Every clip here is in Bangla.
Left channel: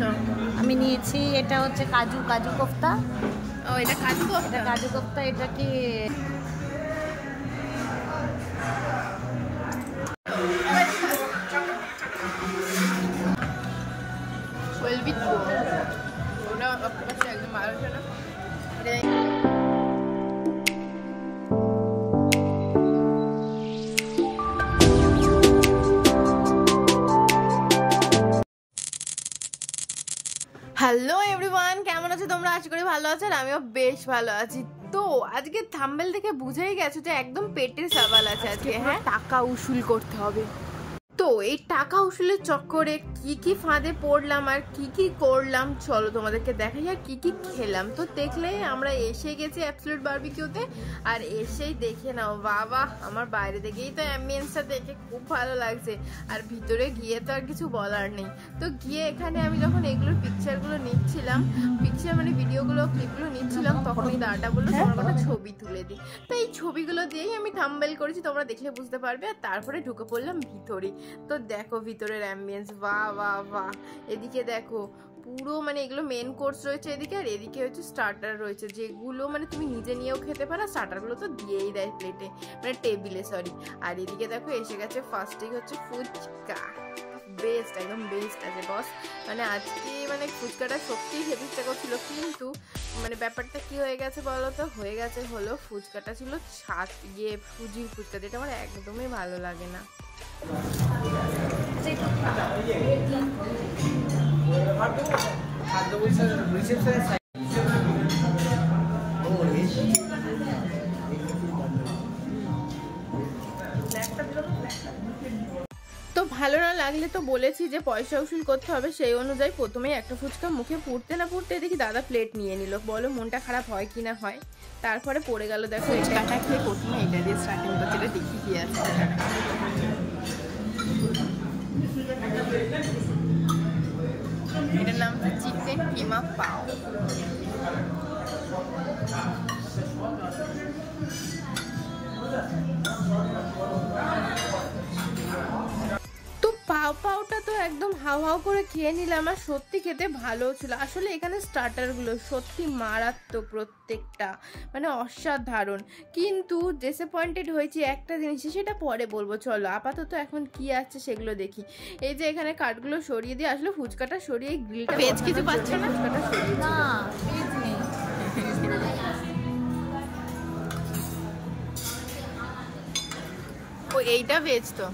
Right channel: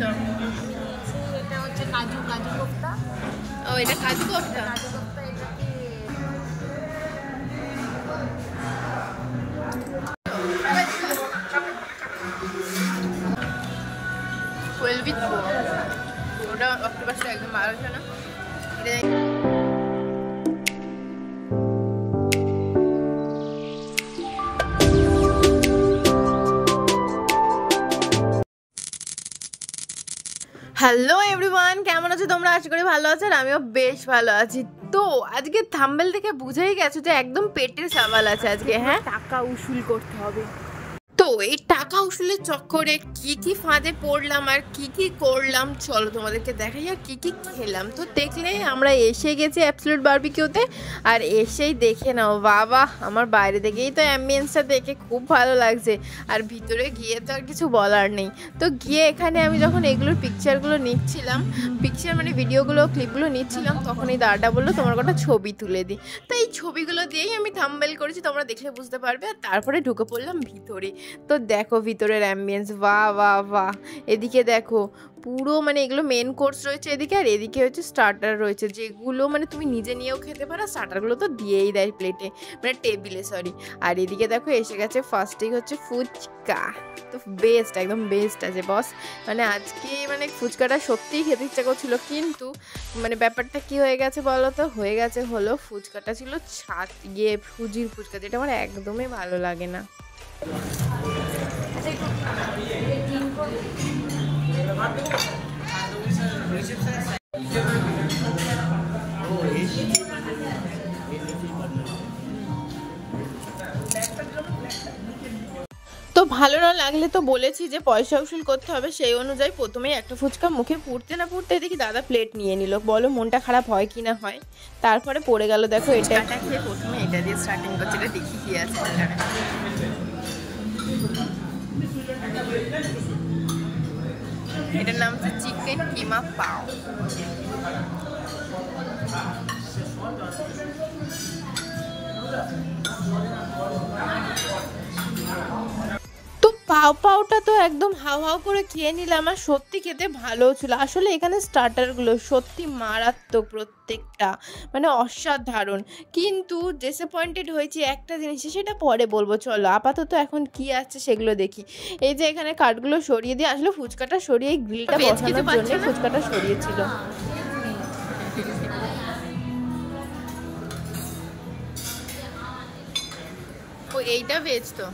তো আমি নিয়েছি এটা হচ্ছে কাজু কোফতা। ও এটা কাজু কোফতা। কাজু কোফতা এটা কি 12 with 4 ওটা অক্টোপাসটা একদম ভালো ছিল না এটা। হ্যালো এভরিওয়ান, কেমন আছো তোমরা? আশা করি ভালো আছো আর আমিও বেশ ভালো আছি। তো আজকে থাম্বনেল থেকে বুঝেই গেছো যে একদম পেটের সওয়াল আছে আজকে। হ্যাঁ, টাকা উসুল করতে হবে। তো এই টাকা উসুলের চক্করে কি কি ফাঁদে পড়লাম আর কি কি করলাম চলো তোমাদেরকে দেখাই, আর কি কি খেলাম। তো দেখলে আমরা এসে গেছি অ্যাবসলিউট বারবিকিউতে, আর এসেই দেখে নাও বাবা, আমার বাইরে থেকেই তো অ্যাম্বিয়েন্সটা দেখে খুব ভালো লাগছে, আর ভিতরে গিয়ে তো আর কিছু বলার নেই। তো গিয়ে এখানে আমি যখন এগুলোর পিকচারগুলো নিচ্ছিলাম, মানে ভিডিওগুলো ক্লিপগুলো নিচ্ছিলাম, তখন এই দাদাটা বললো তোমার কটা ছবি তুলে দিই। তো এই ছবিগুলো দিয়েই আমি থাম্বনেল করেছি, তোমরা দেখলে বুঝতে পারবে। আর তারপরে ঢুকে পড়লাম ভিতরে। তো দেখো ভিতরের অ্যাম্বিয়েন্স, বাহ বাহ বাহ। এদিকে দেখো পুরো মানে এগুলো মেন কোর্স রয়েছে এদিকে, আর এদিকে হচ্ছে স্টার্টার রয়েছে, যেগুলো মানে তুমি নিজে নিয়েও খেতে পারো। স্টার্টারগুলো তো দিয়েই দেয় প্লেটে, মানে টেবিলে সরি। আর এদিকে দেখো এসে গেছে ফার্স্টেই হচ্ছে ফুচকা। তো বেস্ট, একদম বেস্ট আছে বস। মানে আজকে মানে ফুচকাটা সত্যিই খেতে ইচ্ছা করছিল, কিন্তু মানে ব্যাপারটা কি হয়ে গেছে বলো তো, হয়ে গেছে হলো ফুচকাটা ছিল সুজির ফুচকা, যেটা আমার একদমই ভালো লাগে না। আচ্ছা একটু ক্লিন করে তো ভালো না লাগলে তো বলেছি যে পয়সা উসুল করতে হবে, সেই অনুযায়ী প্রথমেই একটা ফুচকা মুখে পুড়তে না পুড়তে দেখি দাদা প্লেট নিয়ে নিল। বলো মনটা খারাপ হয় কি না হয়। তারপরে পড়ে গেল দেখো এটা খেয়ে, প্রথমে এটা দিয়ে স্টার্টিং করছে, এটা দেখি কি আছে এখানে। এটার নাম হচ্ছে চিকেন কিমা পাও। তো পাওটা তো একদম হাও হাও করে খেয়ে নিলাম, আর সত্যি খেতে ভালো ছিল। আসলে এখানে স্টার্টারগুলো সত্যি মারাত্মক প্রত্যেকটা, মানে অসাধারণ। কিন্তু ডিসঅ্যাপয়েন্টেড হয়েছি একটা জিনিসে, সেটা পরে বলবো। চলো আপাতত এখন কি আছে সেগুলো দেখি। এই যে এখানে কাঠগুলো সরিয়ে দিয়ে, আসলে ফুচকাটা সরিয়ে গ্রিলটা বসানোর জন্য ফুচকাটা সরিয়েছিল। ও এইটা ভেজ তো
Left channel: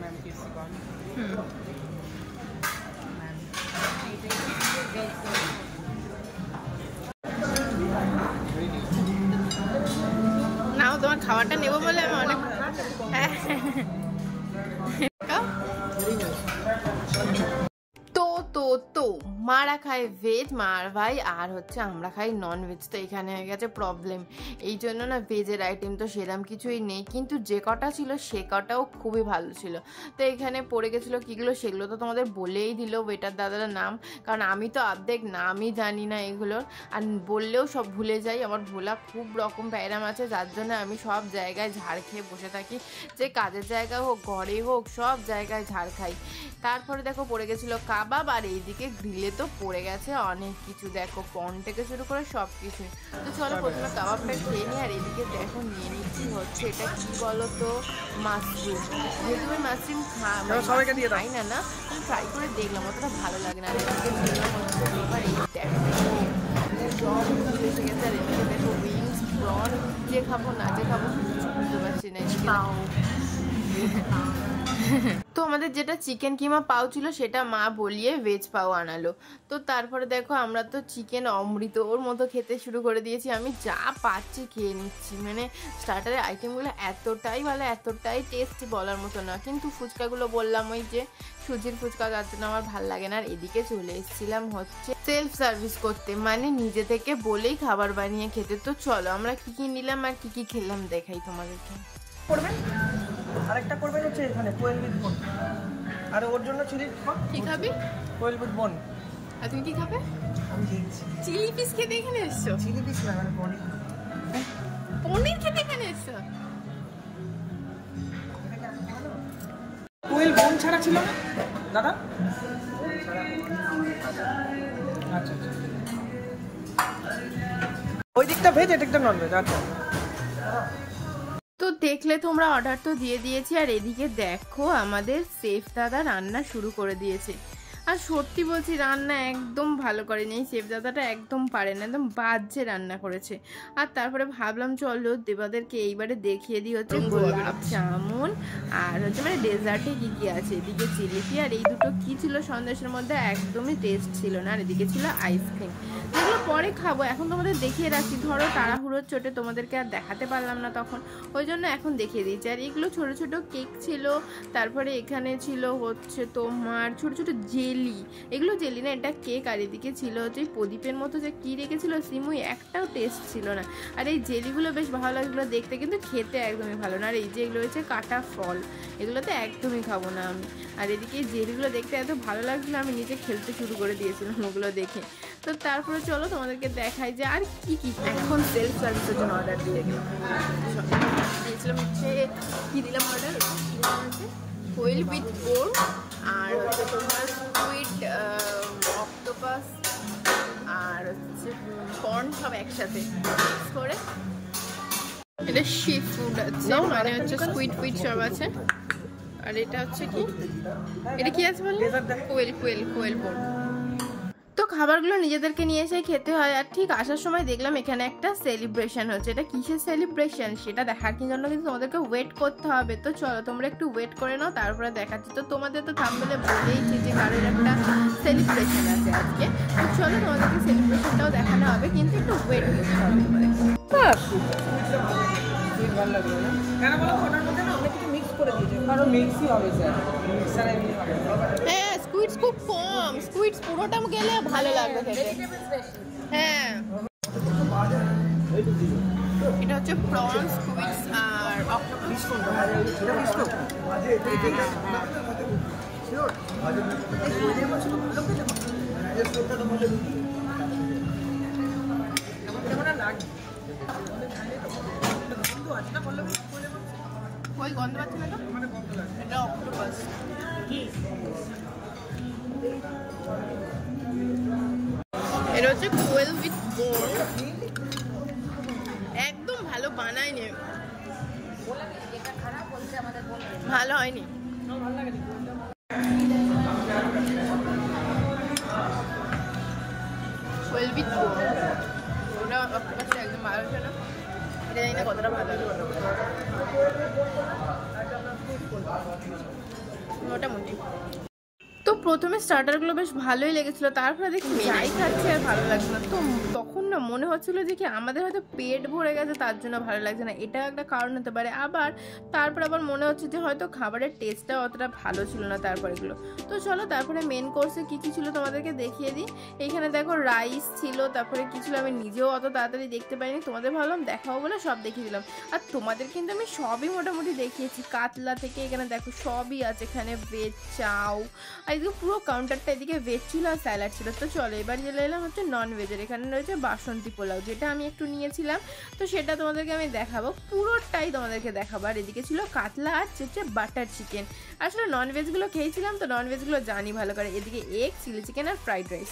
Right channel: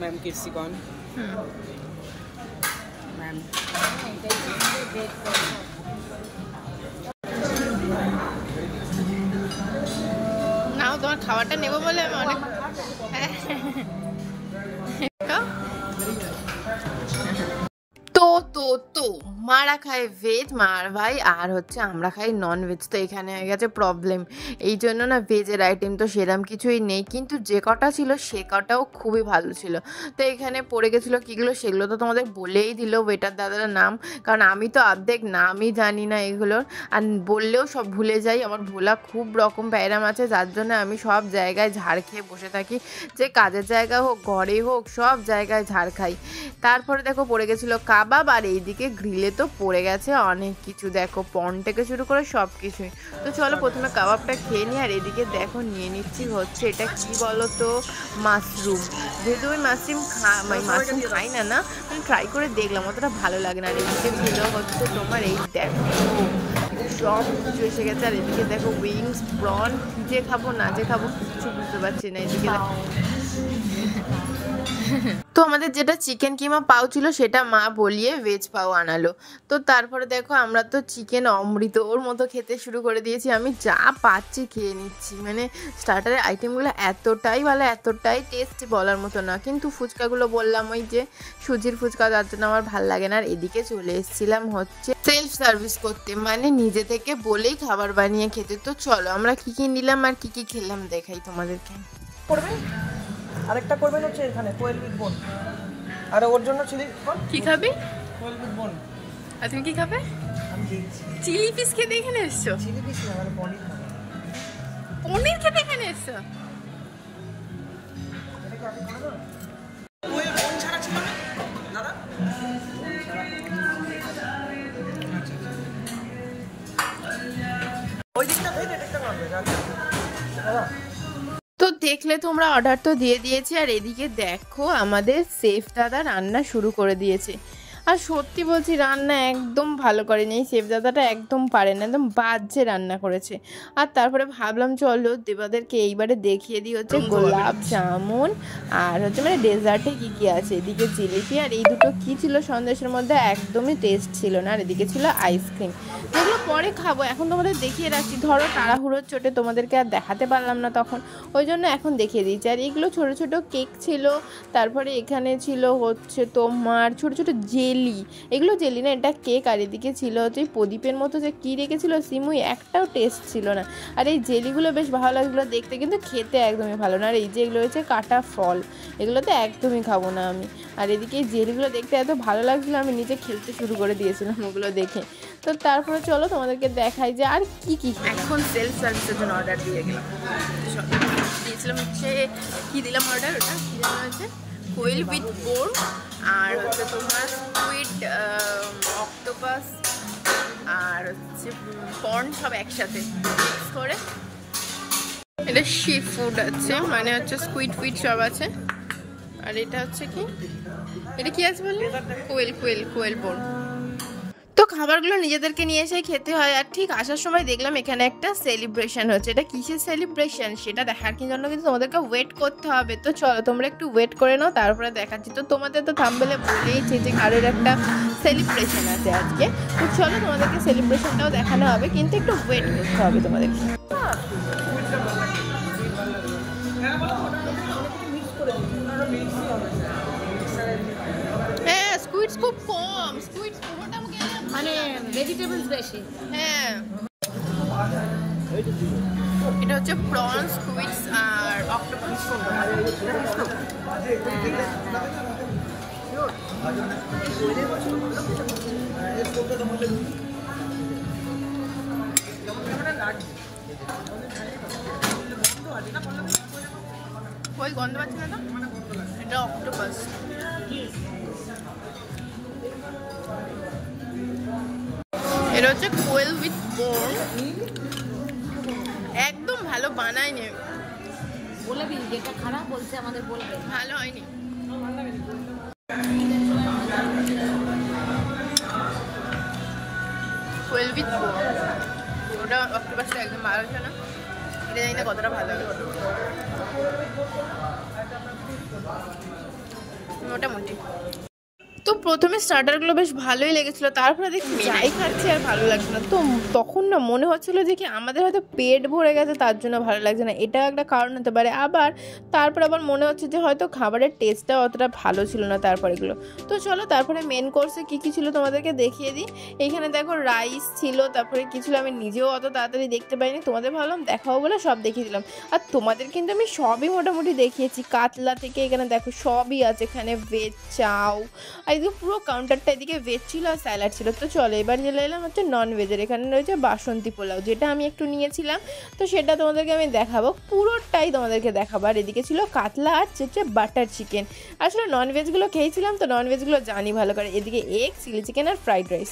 मैम किसी कौन मैम নাও, তোমার খাবারটা নেবো বলে আমি অনেক তো মারা খায় ভেজ মার ভাই, আর হচ্ছে আমরা খাই নন ভেজ। তো এখানে হয়ে গেছে প্রবলেম, এই জন্য না ভেজের আইটেম তো সেরকম কিছুই নেই, কিন্তু যে কটা ছিল সে কটাও খুবই ভালো ছিল। তো এখানে পড়ে গেছিলো কীগুলো, সেগুলো তো তোমাদের বলেই দিল ওয়েটার দাদার নাম, কারণ আমি তো অর্ধেক নামই জানি না এগুলোর, আর বললেও সব ভুলে যাই। আমার ভোলা খুব রকম প্যারাম আছে, যার জন্য আমি সব জায়গায় ঝাড় খেয়ে বসে থাকি, যে কাজের জায়গা হোক ঘরে হোক সব জায়গায় ঝাড় খাই। তারপরে দেখো পড়ে গেছিলো কাবাব, আর এইদিকে গ্রিলে তো পড়ে গেছে অনেক কিছু, দেখো পন থেকে শুরু করে সব কিছুই। তো চলো প্রথমে কাবাবটা খেয়ে নিই। আর এদিকে দেখো নিয়ে নিচ্ছি হচ্ছে এটা কি বলো তো, মাশরুম। যেহেতু ওই মাশরুম খাই না, আমি ট্রাই করে দেখলাম, অতটা ভালো লাগে না। আর এদিকে ছিল হচ্ছে তোমার এই দেখো সব কিছু এসে গেছে। আর এদিকে দেখো উইংস, প্রন, যে খাবো না যে খাবো কিছু বুঝতে পারছি না। এদিকে তো আমাদের যেটা চিকেন কিমা পাও ছিল সেটা মা বলিয়ে ভেজ পাও আনালো। তো তারপরে দেখো আমরা তো চিকেন অমৃত ওর মতো খেতে শুরু করে দিয়েছি, আমি যা পাচ্ছি খেয়ে নিচ্ছি। মানে স্টার্টারের আইটেমগুলো এতটাই ভালো, এতটাই টেস্ট বলার মতো না। কিন্তু ফুচকাগুলো বললাম ওই যে সুজির ফুচকা, যার জন্য আমার ভালো লাগে না। আর এদিকে চলে এসেছিলাম হচ্ছে সেলফ সার্ভিস করতে, মানে নিজে থেকে বলেই খাবার বানিয়ে খেতে। তো চলো আমরা কি কি নিলাম আর কি কি খেলাম দেখাই তোমাদেরকে। আরেকটা করবেন হচ্ছে এখানে কোয়েল উইথ বোন, আর ওর জন্য চিলি কি খাবি? কোয়েল উইথ বোন। আর তুমি কি খাবে? আমি দেখছি চিলি পিস খেতে এখানে এসছো? চিলি পিস না, মানে পনির। পনির খেতে এখানে এসছো? কোয়েল বোন ছাড়া ছিল না? দাদা আচ্ছা ওই দিকটা ভেজ এটা একটা নন ভেজ। আচ্ছা তো দেখলে তোমরা অর্ডার তো দিয়ে দিয়েছি, আর এদিকে দেখো আমাদের সেফ দাদা রান্না শুরু করে দিয়েছে। আর সত্যি বলছি রান্না একদম ভালো করেনি, এই সেফ দাদাটা একদম পারে না, একদম বাজে রান্না করেছে। আর তারপরে ভাবলাম চলো দেবাদেরকে এইবারে দেখিয়ে দিই হচ্ছে গোলাপ জামুন আর হচ্ছে মানে ডেজার্টে কী কী আছে। এদিকে জিলিপি, আর এই দুটো কী ছিল সন্দেশের মধ্যে একদমই টেস্ট ছিল না। আর এদিকে ছিল আইসক্রিম, যেগুলো পরে খাবো, এখন তোমাদের দেখিয়ে রাখছি। ধরো তাড়াহুড়োর চোটে তোমাদেরকে আর দেখাতে পারলাম না তখন, ওই জন্য এখন দেখিয়ে দিচ্ছি। আর এগুলো ছোটো ছোটো কেক ছিল, তারপরে এখানে ছিল হচ্ছে তোমার ছোটো ছোটো জেলি, এগুলো জেলি না এটা কেক। আর এদিকে ছিল হচ্ছে প্রদীপের মতো যে কী রেখেছিল সিমুই, একটাও টেস্ট ছিল না। আর এই জেলিগুলো বেশ ভালো লাগছিলো দেখতে, কিন্তু খেতে একদমই ভালো না। আর এই যে এগুলো হচ্ছে কাটা ফল, এগুলোতে একদমই খাবো না আমি। আর এদিকে এই জেলিগুলো দেখতে এত ভালো লাগছিলো আমি নিজে খেলতে শুরু করে দিয়েছিলাম ওগুলো দেখে। তো তারপরে চলো তোমাদেরকে দেখাই যে আর কি কি। এখন সেলফ সার্ভিসের জন্য অর্ডার দিয়ে গেলাম, দিয়েছিলাম হচ্ছে কী দিলাম অর্ডার, ওটা কী দেওয়া হয়েছে কোয়েল উইথ বোন, আর হচ্ছে তোমার স্কুইড অক্টোপাস আর হচ্ছে কর্ন সব একসাথে মিক্স করে। এটা সি ফুড আছে, মানে হচ্ছে স্কুইড ফিড সব আছে। আর এটা হচ্ছে কি, এটা কি আছে বললে কোয়েল বোন। তো খাবারগুলো নিজেদেরকে নিয়ে এসে খেতে হয়। আর ঠিক আসার সময় দেখলাম এখানে একটা সেলিব্রেশন হচ্ছে, এটা কিসের সেলিব্রেশন সেটা দেখার জন্য কিন্তু তোমাদেরকে ওয়েট করতে হবে। তো চলো তোমরা একটু ওয়েট করে নাও, তারপরে দেখাচ্ছি। তো তোমাদের তো থাম্বনেলে বলেইছে যে কারোর একটা সেলিব্রেশন আছে আজকে, তো চলো তোমাদেরকে সেলিব্রেশনটাও দেখানো হবে, কিন্তু একটু ওয়েট করতে হবে তোমাদেরকে। হ্যাঁ স্কুইডস খুব কম, স্কুইডস পুরোটা গেলে ভালো লাগবে, ভেজিটেবলস বেশি। হ্যাঁ এটা হচ্ছে প্রন স্কুইডস আর অক্টোপাস। ওই গন্ধ পাচ্ছি না তো, এটা অক্টোপাস। এটা হচ্ছে কোয়েল উইথ বোন, একদম ভালো বানায়নি, বলবি যেটা খারাপ বলছে আমাদের বলবে, ভালো হয়নি। কোয়েল উইথ বোন, ওটা অক্টোপাসটা একদম ভালো হচ্ছে না, এটা জানি না কতটা ভালো হবে, মোটামুটি। তো প্রথমে স্টার্টারগুলো বেশ ভালোই লেগেছিলো, তারপরে দেখি যাই খাচ্ছি আর ভালো লাগছে না। তো তখন না মনে হচ্ছিলো যে কি আমাদের হয়তো পেট ভরে গেছে তার জন্য ভালো লাগছে না, এটাও একটা কারণ হতে পারে। তারপর আবার মনে হচ্ছে যে হয়তো খাবারের টেস্টটাও অতটা ভালো ছিল না তারপরেগুলো। তো চলো তারপরে মেন কোর্সে কী কী ছিল তোমাদেরকে দেখিয়ে দিই। এইখানে দেখো রাইস ছিল, তারপরে কী ছিল আমি নিজেও অত তাড়াতাড়ি দেখতে পাইনি, তোমাদের ভাবলাম দেখাবো বলে সব দেখিয়ে দিলাম। আর তোমাদের কিন্তু আমি সবই মোটামুটি দেখিয়েছি, কাতলা থেকে এখানে দেখো সবই আছে, এখানে ভেজ চাউ, আর এদিকে পুরো কাউন্টারটা এদিকে ভেজ ছিল আর স্যালাড ছিল। তো চলো এবার চলে এলাম হচ্ছে নন ভেজের, এখানে রয়েছে বাসন্তী পোলাও, যেটা আমি একটু নিয়েছিলাম, তো সেটা তোমাদেরকে আমি দেখাবো, পুরোটাই তোমাদেরকে দেখাবো। আর এদিকে ছিল কাতলা আর হচ্ছে বাটার চিকেন। আসলে ননভেজগুলো খেয়েছিলাম তো ননভেজগুলো জানি ভালো করে। এদিকে এগ, চিলি চিকেন আর ফ্রাইড রাইস,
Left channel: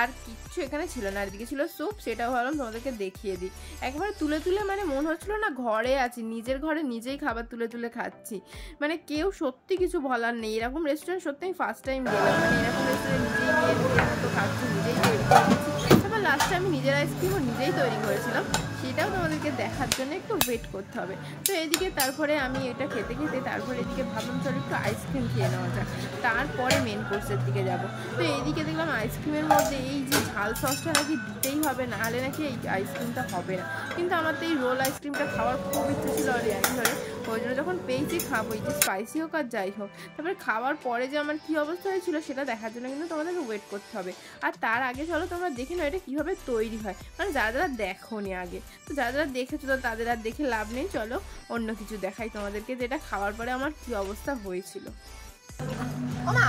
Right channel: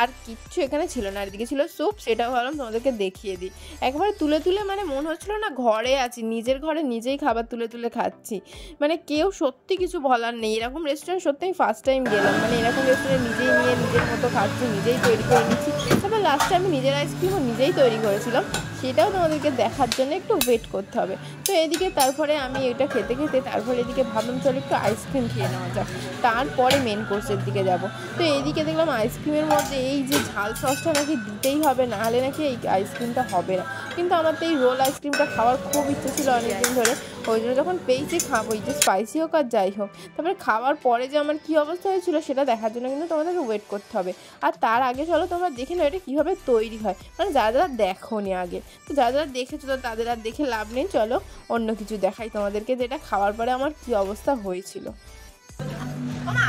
আর কিচ্ছু এখানে ছিল না। আর এদিকে ছিল স্যুপ, সেটাও ভাবলাম তোমাদেরকে দেখিয়ে দিই। একবার তুলে তুলে মানে মনে হচ্ছিলো না ঘরে আছি, নিজের ঘরে নিজেই খাবার তুলে তুলে খাচ্ছি, মানে কেউ সত্যি কিছু বলার নেই। এরকম রেস্টুরেন্ট সত্যি আমি ফার্স্ট টাইম গেলাম, মানে এরকম রেস্টুরেন্ট নিজেই নিয়ে নিজের মতো খাচ্ছি, নিজেই তৈরি করে নিচ্ছি। তারপর লাস্টে আমি নিজের আইসক্রিমও নিজেই তৈরি করেছিলাম, সেটাও তোমাদেরকে দেখার জন্য একটু ওয়েট করতে হবে। তো এদিকে তারপরে আমি এটা খেতে খেতে তারপরে এদিকে ভাবলাম চলো একটু আইসক্রিম খেয়ে নেওয়া যাক, তারপরে মেন কোর্সের দিকে যাব। তো এইদিকে দেখলাম আইসক্রিমের মধ্যে এই যে ঝাল সসটা নাকি দিতেই হবে, নাহলে নাকি এই আইসক্রিমটা হবে না। কিন্তু আমার তো এই রোল আইসক্রিমটা খাওয়ার খুব ইচ্ছে ছিল অনেকদিন ধরে, ওই জন্য যখন পেয়েছি খাবো, এই যে স্পাইসি হোক আর যাই হোক। তারপরে খাওয়ার পরে যে আমার কী অবস্থা হয়েছিল সেটা দেখার জন্য কিন্তু তোমাদেরকে ওয়েট করতে হবে। আর তার আগে চলো তোমরা দেখে নাও এটা কীভাবে তৈরি হয়, মানে যারা যারা দেখোনি আগে, তো যারা যারা দেখেছো তো তাদের আর দেখে লাভ নেই, চলো অন্য কিছু দেখাই তোমাদেরকে, যেটা খাওয়ার পরে আমার কী অবস্থা হয়েছিল। ওমা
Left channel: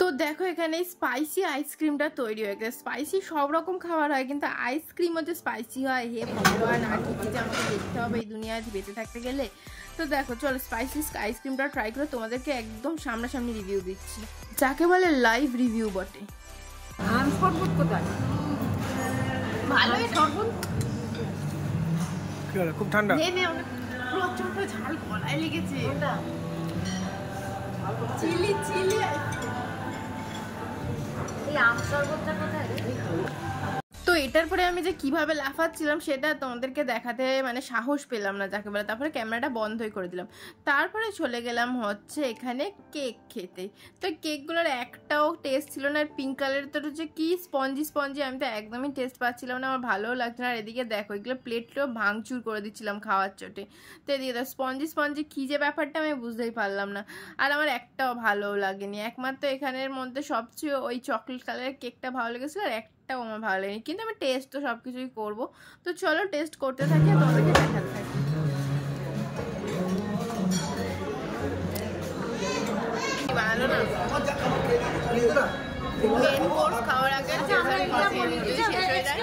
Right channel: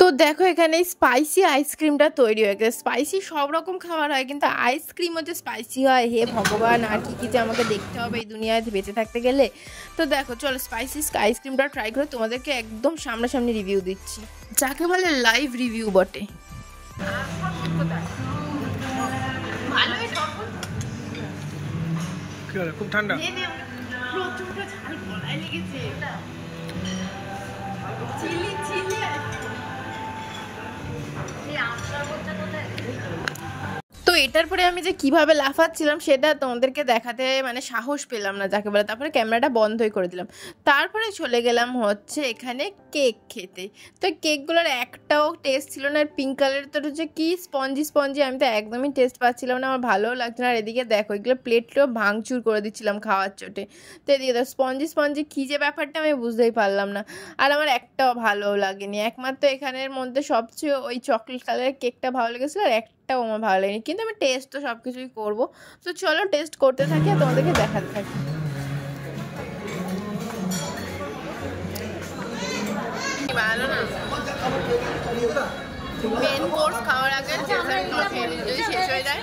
তো দেখো এখানে স্পাইসি আইসক্রিমটা তৈরি হয়ে গেছে। স্পাইসি সব রকম খাবার হয়, কিন্তু আইসক্রিমও যে স্পাইসি হয়, হে ভগবান, আর কি যে আমাকে দেখতে হবে এই দুনিয়ায় বেঁচে থাকতে গেলে। তো দেখো চলো স্পাইসি আইসক্রিমটা ট্রাই করে তোমাদেরকে একদম সামনাসামনি রিভিউ দিচ্ছি, যাকে বলে লাইভ রিভিউ বটে। খুব ঠান্ডা, প্রচন্ড ঝাল, গলায় লেগেছে। চিলি চিলি তো এটার পরে আমি যে কিভাবে লাফাচ্ছিলাম সেটা তোমাদেরকে দেখাতে মানে সাহস পেলাম না যাকে বলে। তারপরে ক্যামেরাটা বন্ধই করে দিলাম। তারপরে চলে গেলাম হচ্ছে এখানে কেক খেতে। তো কেকগুলোর একটাও টেস্ট ছিল না। পিঙ্ক কালারের তো যে কি স্পঞ্জি স্পঞ্জি, আমি তো একদমই টেস্ট পাচ্ছিলাম না, আমার ভালোও লাগছে না। আর এদিকে দেখো এগুলো প্লেটটাও ভাঙচুর করে দিচ্ছিলাম খাওয়ার চোটে। তো এদিকে তো স্পঞ্জি স্পঞ্জি কী যে ব্যাপারটা আমি বুঝতেই পারলাম না। আর আমার একটাও ভালোও লাগেনি। একমাত্র এখানের মধ্যে সবচেয়ে ওই চকলেট কালারের কেকটা ভালো লেগেছিলো, আর একটাও আমার ভালো লাগেনি। কিন্তু আমি টেস্ট তো সব কিছুই করবো। তো চলো টেস্ট করতে থাকি আর তোমাদেরকে দেখাতে থাকি। ভালো না, মেন কোর্স খাওয়ার আগে ডেজার্টগুলো খেয়ে নিই, যদি শেষ হয়ে যায়।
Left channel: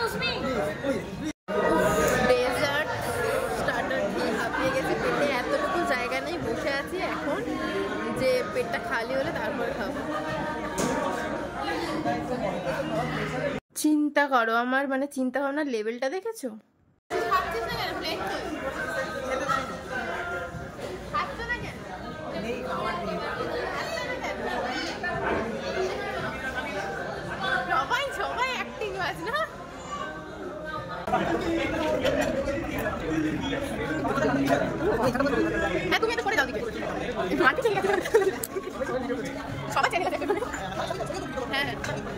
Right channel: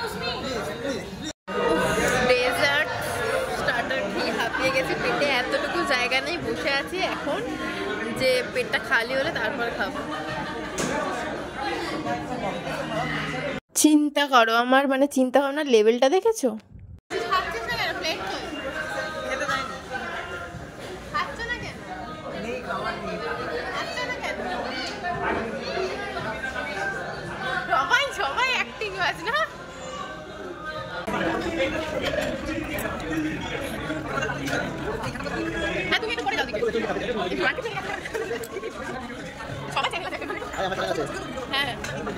ডেজার্ট স্টার্টার খেয়ে হাঁপিয়ে গেছে, পেটে এতটুকু জায়গা নেই, বসে আছি এখন যে পেটটা খালি হলে তারপরে খাবো। চিন্তা করো আমার মানে চিন্তা ভাবনার লেভেলটা দেখেছো? সবাই অ্যাক্টিং আছে না। হ্যাঁ তুমি এটা করে যাও দিকে, সবাই চাইলে হ্যাঁ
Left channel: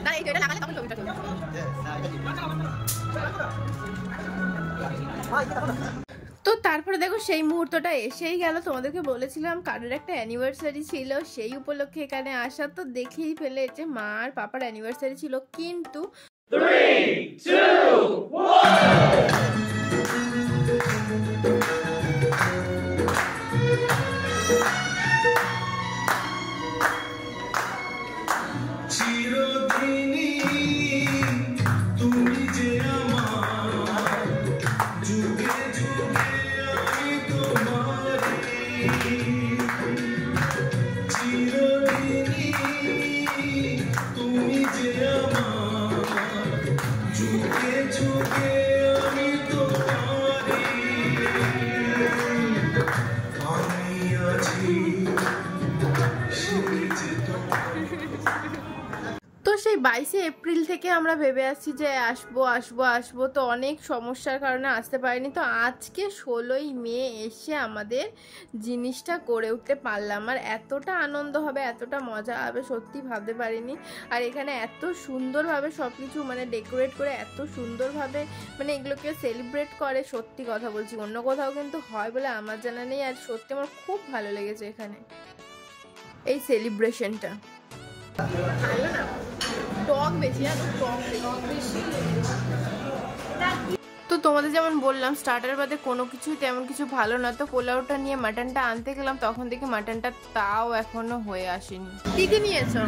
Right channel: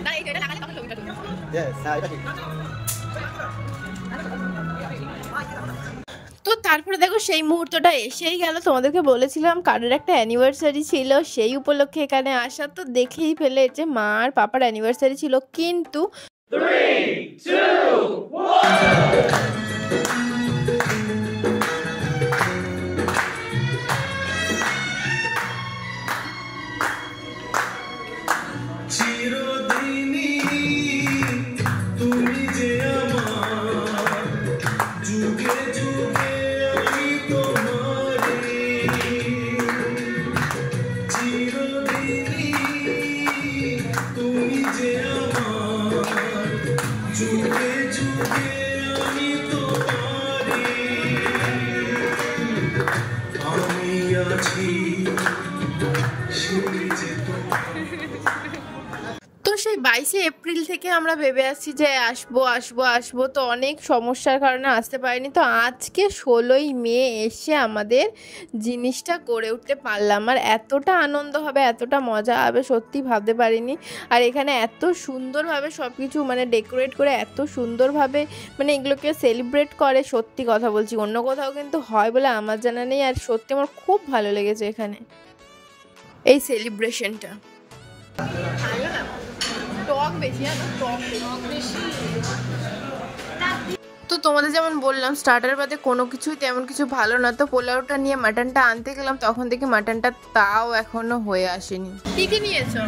না এটা লাগালে তখন ছবিটা চলবে। তো তারপরে দেখো সেই মুহূর্তটা এসেই গেল। তোমাদেরকে বলেছিলাম কারোর একটা অ্যানিভার্সারি ছিল, সেই উপলক্ষে এখানে আসা। তো দেখেই ফেলেছে মা আর পাপার অ্যানিভার্সারি ছিল, কিন্তু 3, 2, 1 তো সেই 22শে এপ্রিল থেকে আমরা ভেবে আসছি যে আসবো আসবো আসবো, তো অনেক সমস্যার কারণে আসতে পারিনি। তো আজকে 16ই মে এসে আমাদের জিনিসটা করে উঠতে পারলাম। আর এতটা আনন্দ হবে, এতটা মজা হবে সত্যি ভাবতে পারিনি। আর এখানে এত সুন্দরভাবে সব কিছু মানে ডেকোরেট করে এত সুন্দরভাবে মানে এগুলোকে সেলিব্রেট করে, সত্যি কথা বলছি অন্য কোথাও কিন্তু হয় বলে আমার জানা নেই। আর সত্যি আমার খুব ভালো লেগেছে এখানে এই সেলিব্রেশনটা। ভালো না, টক বেশি, টক বেশি। তো তোমাদের যেমন বললাম স্টার্টার বাদে কোনো কিছুই তেমন কিছু ভালো না। তো পোলাওটা নিয়ে মাটনটা আনতে গেলাম, তখন দেখি মাটনটা তাও এখনো হয়ে আসেনি। কি কি নিয়েছো?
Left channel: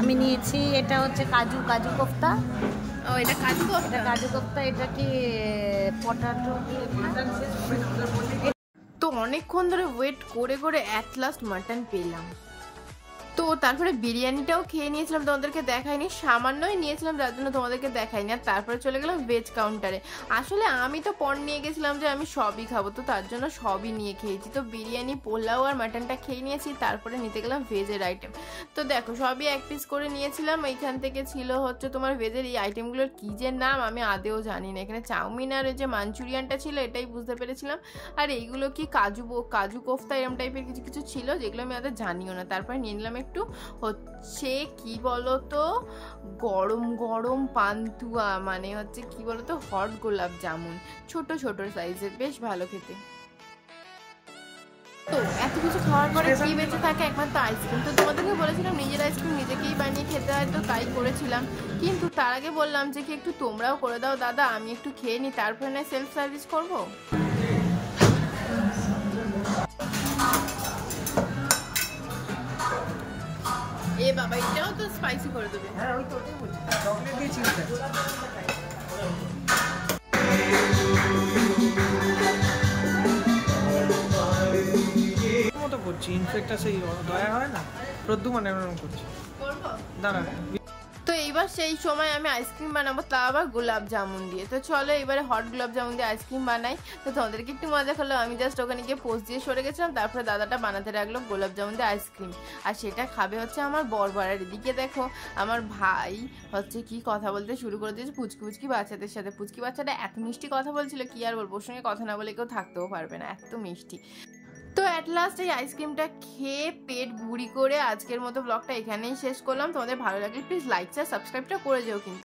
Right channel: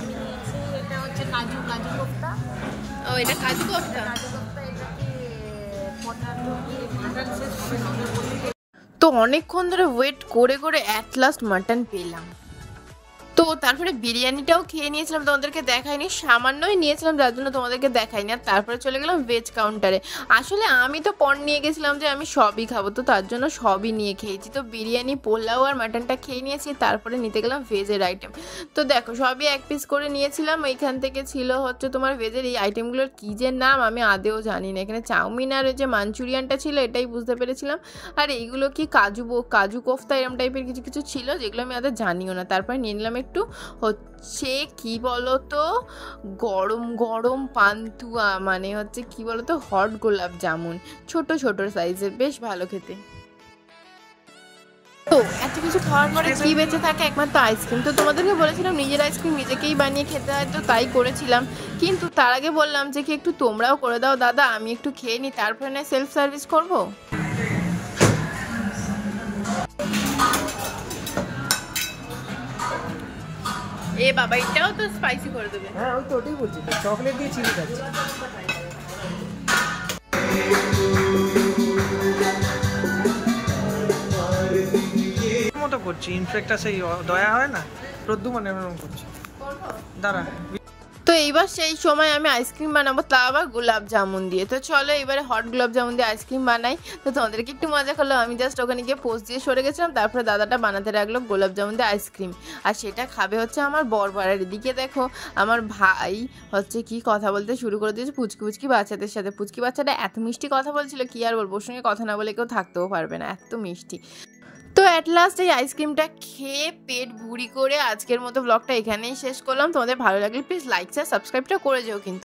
আমি নিয়েছি এটা হচ্ছে কাজু কোফতা। ও এটা কাজু কোফতা। এটা কি পটাটো দিয়ে শেষ হবে না। তো অনেকক্ষণ ধরে ওয়েট করে করে অ্যাট লাস্ট মাটন পেলাম। তো তারপরে বিরিয়ানিটাও খেয়ে নিয়েছিলাম, তোমাদেরকে দেখাইনি, সামান্যই নিয়েছিলাম যার জন্য তোমাদেরকে দেখাইনি। আর তারপরে চলে গেলাম ভেজ কাউন্টারে। আসলে আমি তো পণ নিয়ে গেছিলাম যে আমি সবই খাবো, তো তার জন্য সবই নিয়ে খেয়েছি। তো বিরিয়ানি, পোলাও আর মাটনটা খেয়ে নিয়েছি, তারপরে নিতে গেলাম ভেজের আইটেম। তো দেখো সবই এক পিস করে নিয়েছিলাম। এইখান থেকে ছিল হচ্ছে তোমার ভেজের এই আইটেমগুলোর কী যে নাম আমি আদেও জানি না। এখানে চাউমিন আর যে মাঞ্চুরিয়ানটা ছিল এটাই বুঝতে পেরেছিলাম। আর এইগুলো কি কাজু কোফতা এরম টাইপের কিছু কিছু ছিল যেগুলো আমি আদের জানিও না। তারপরে নিয়ে নিলাম একটু হচ্ছে কি বলতো গরম গরম পান্তুয়া, মানে হচ্ছে কি বলতো হট গোলাপ জামুন, ছোট ছোট সাইজের, বেশ ভালো খেতে। তো এত কিছু খাওয়ার পরে কি বেঁচে থাকে? একমাত্র আইসক্রিম। তো তোমাদেরকে বলেছিলাম নিজের আইসক্রিম নিজেকেই বানিয়ে খেতে হয়, তো তাই করেছিলাম। কিন্তু তার আগে বললাম যে কি একটু তোমরাও করে দাও দাদা, আমি একটু খেয়ে নিই, তারপরে না সেলফ সার্ভিস করবো। বাবা, এটাও তো স্পাইসি করে দেবে। হ্যাঁ ওই তো ওটাই বলছি, চকলেট দিয়ে চিলি খাচ্ছি। মতো করছি, ইনফেক্টটা সেই দয়া হয় না, প্রদ্যুমান এরকম করছি। দাঁড়া, তো এইবার সেই সময় আমি আইসক্রিম বানাবো, তা আবার গোলাপ জামুন দিয়ে। তো চলো এবারে হট গোলাপ জামুন দিয়ে আইসক্রিম বানাই। তো তোমাদেরকে একটু মজা করলো, আমি জাস্ট ওখানে গিয়ে পোস্ট দিয়ে সরে গেছিলাম, তারপরে দাদাটা বানাতে রাখলো গোলাপ জামুন দিয়ে আইসক্রিম। আর সেটা খাবে হচ্ছে আমার বরবাড়ার। এদিকে দেখো আমার ভাই হচ্ছে কি কথা বলতে শুরু করে দিয়েছে পুচকি পুচকি বাচ্চাদের সাথে। পুচকি বাচ্চাটা এত মিষ্টি কথা বলছিল, কি আর বলবো, ওর সঙ্গে কথা না বলে কেউ থাকতেও পারবে না, এত মিষ্টি। তো অ্যাট লাস্ট এই আইসক্রিমটা খেয়ে পেট ভুড়ি করে আজকের মতো ব্লগটা এখানেই শেষ করলাম। তোমাদের ভালো লাগলে প্লিজ লাইক শেয়ার সাবস্ক্রাইবটা করে যেও কিন্তু।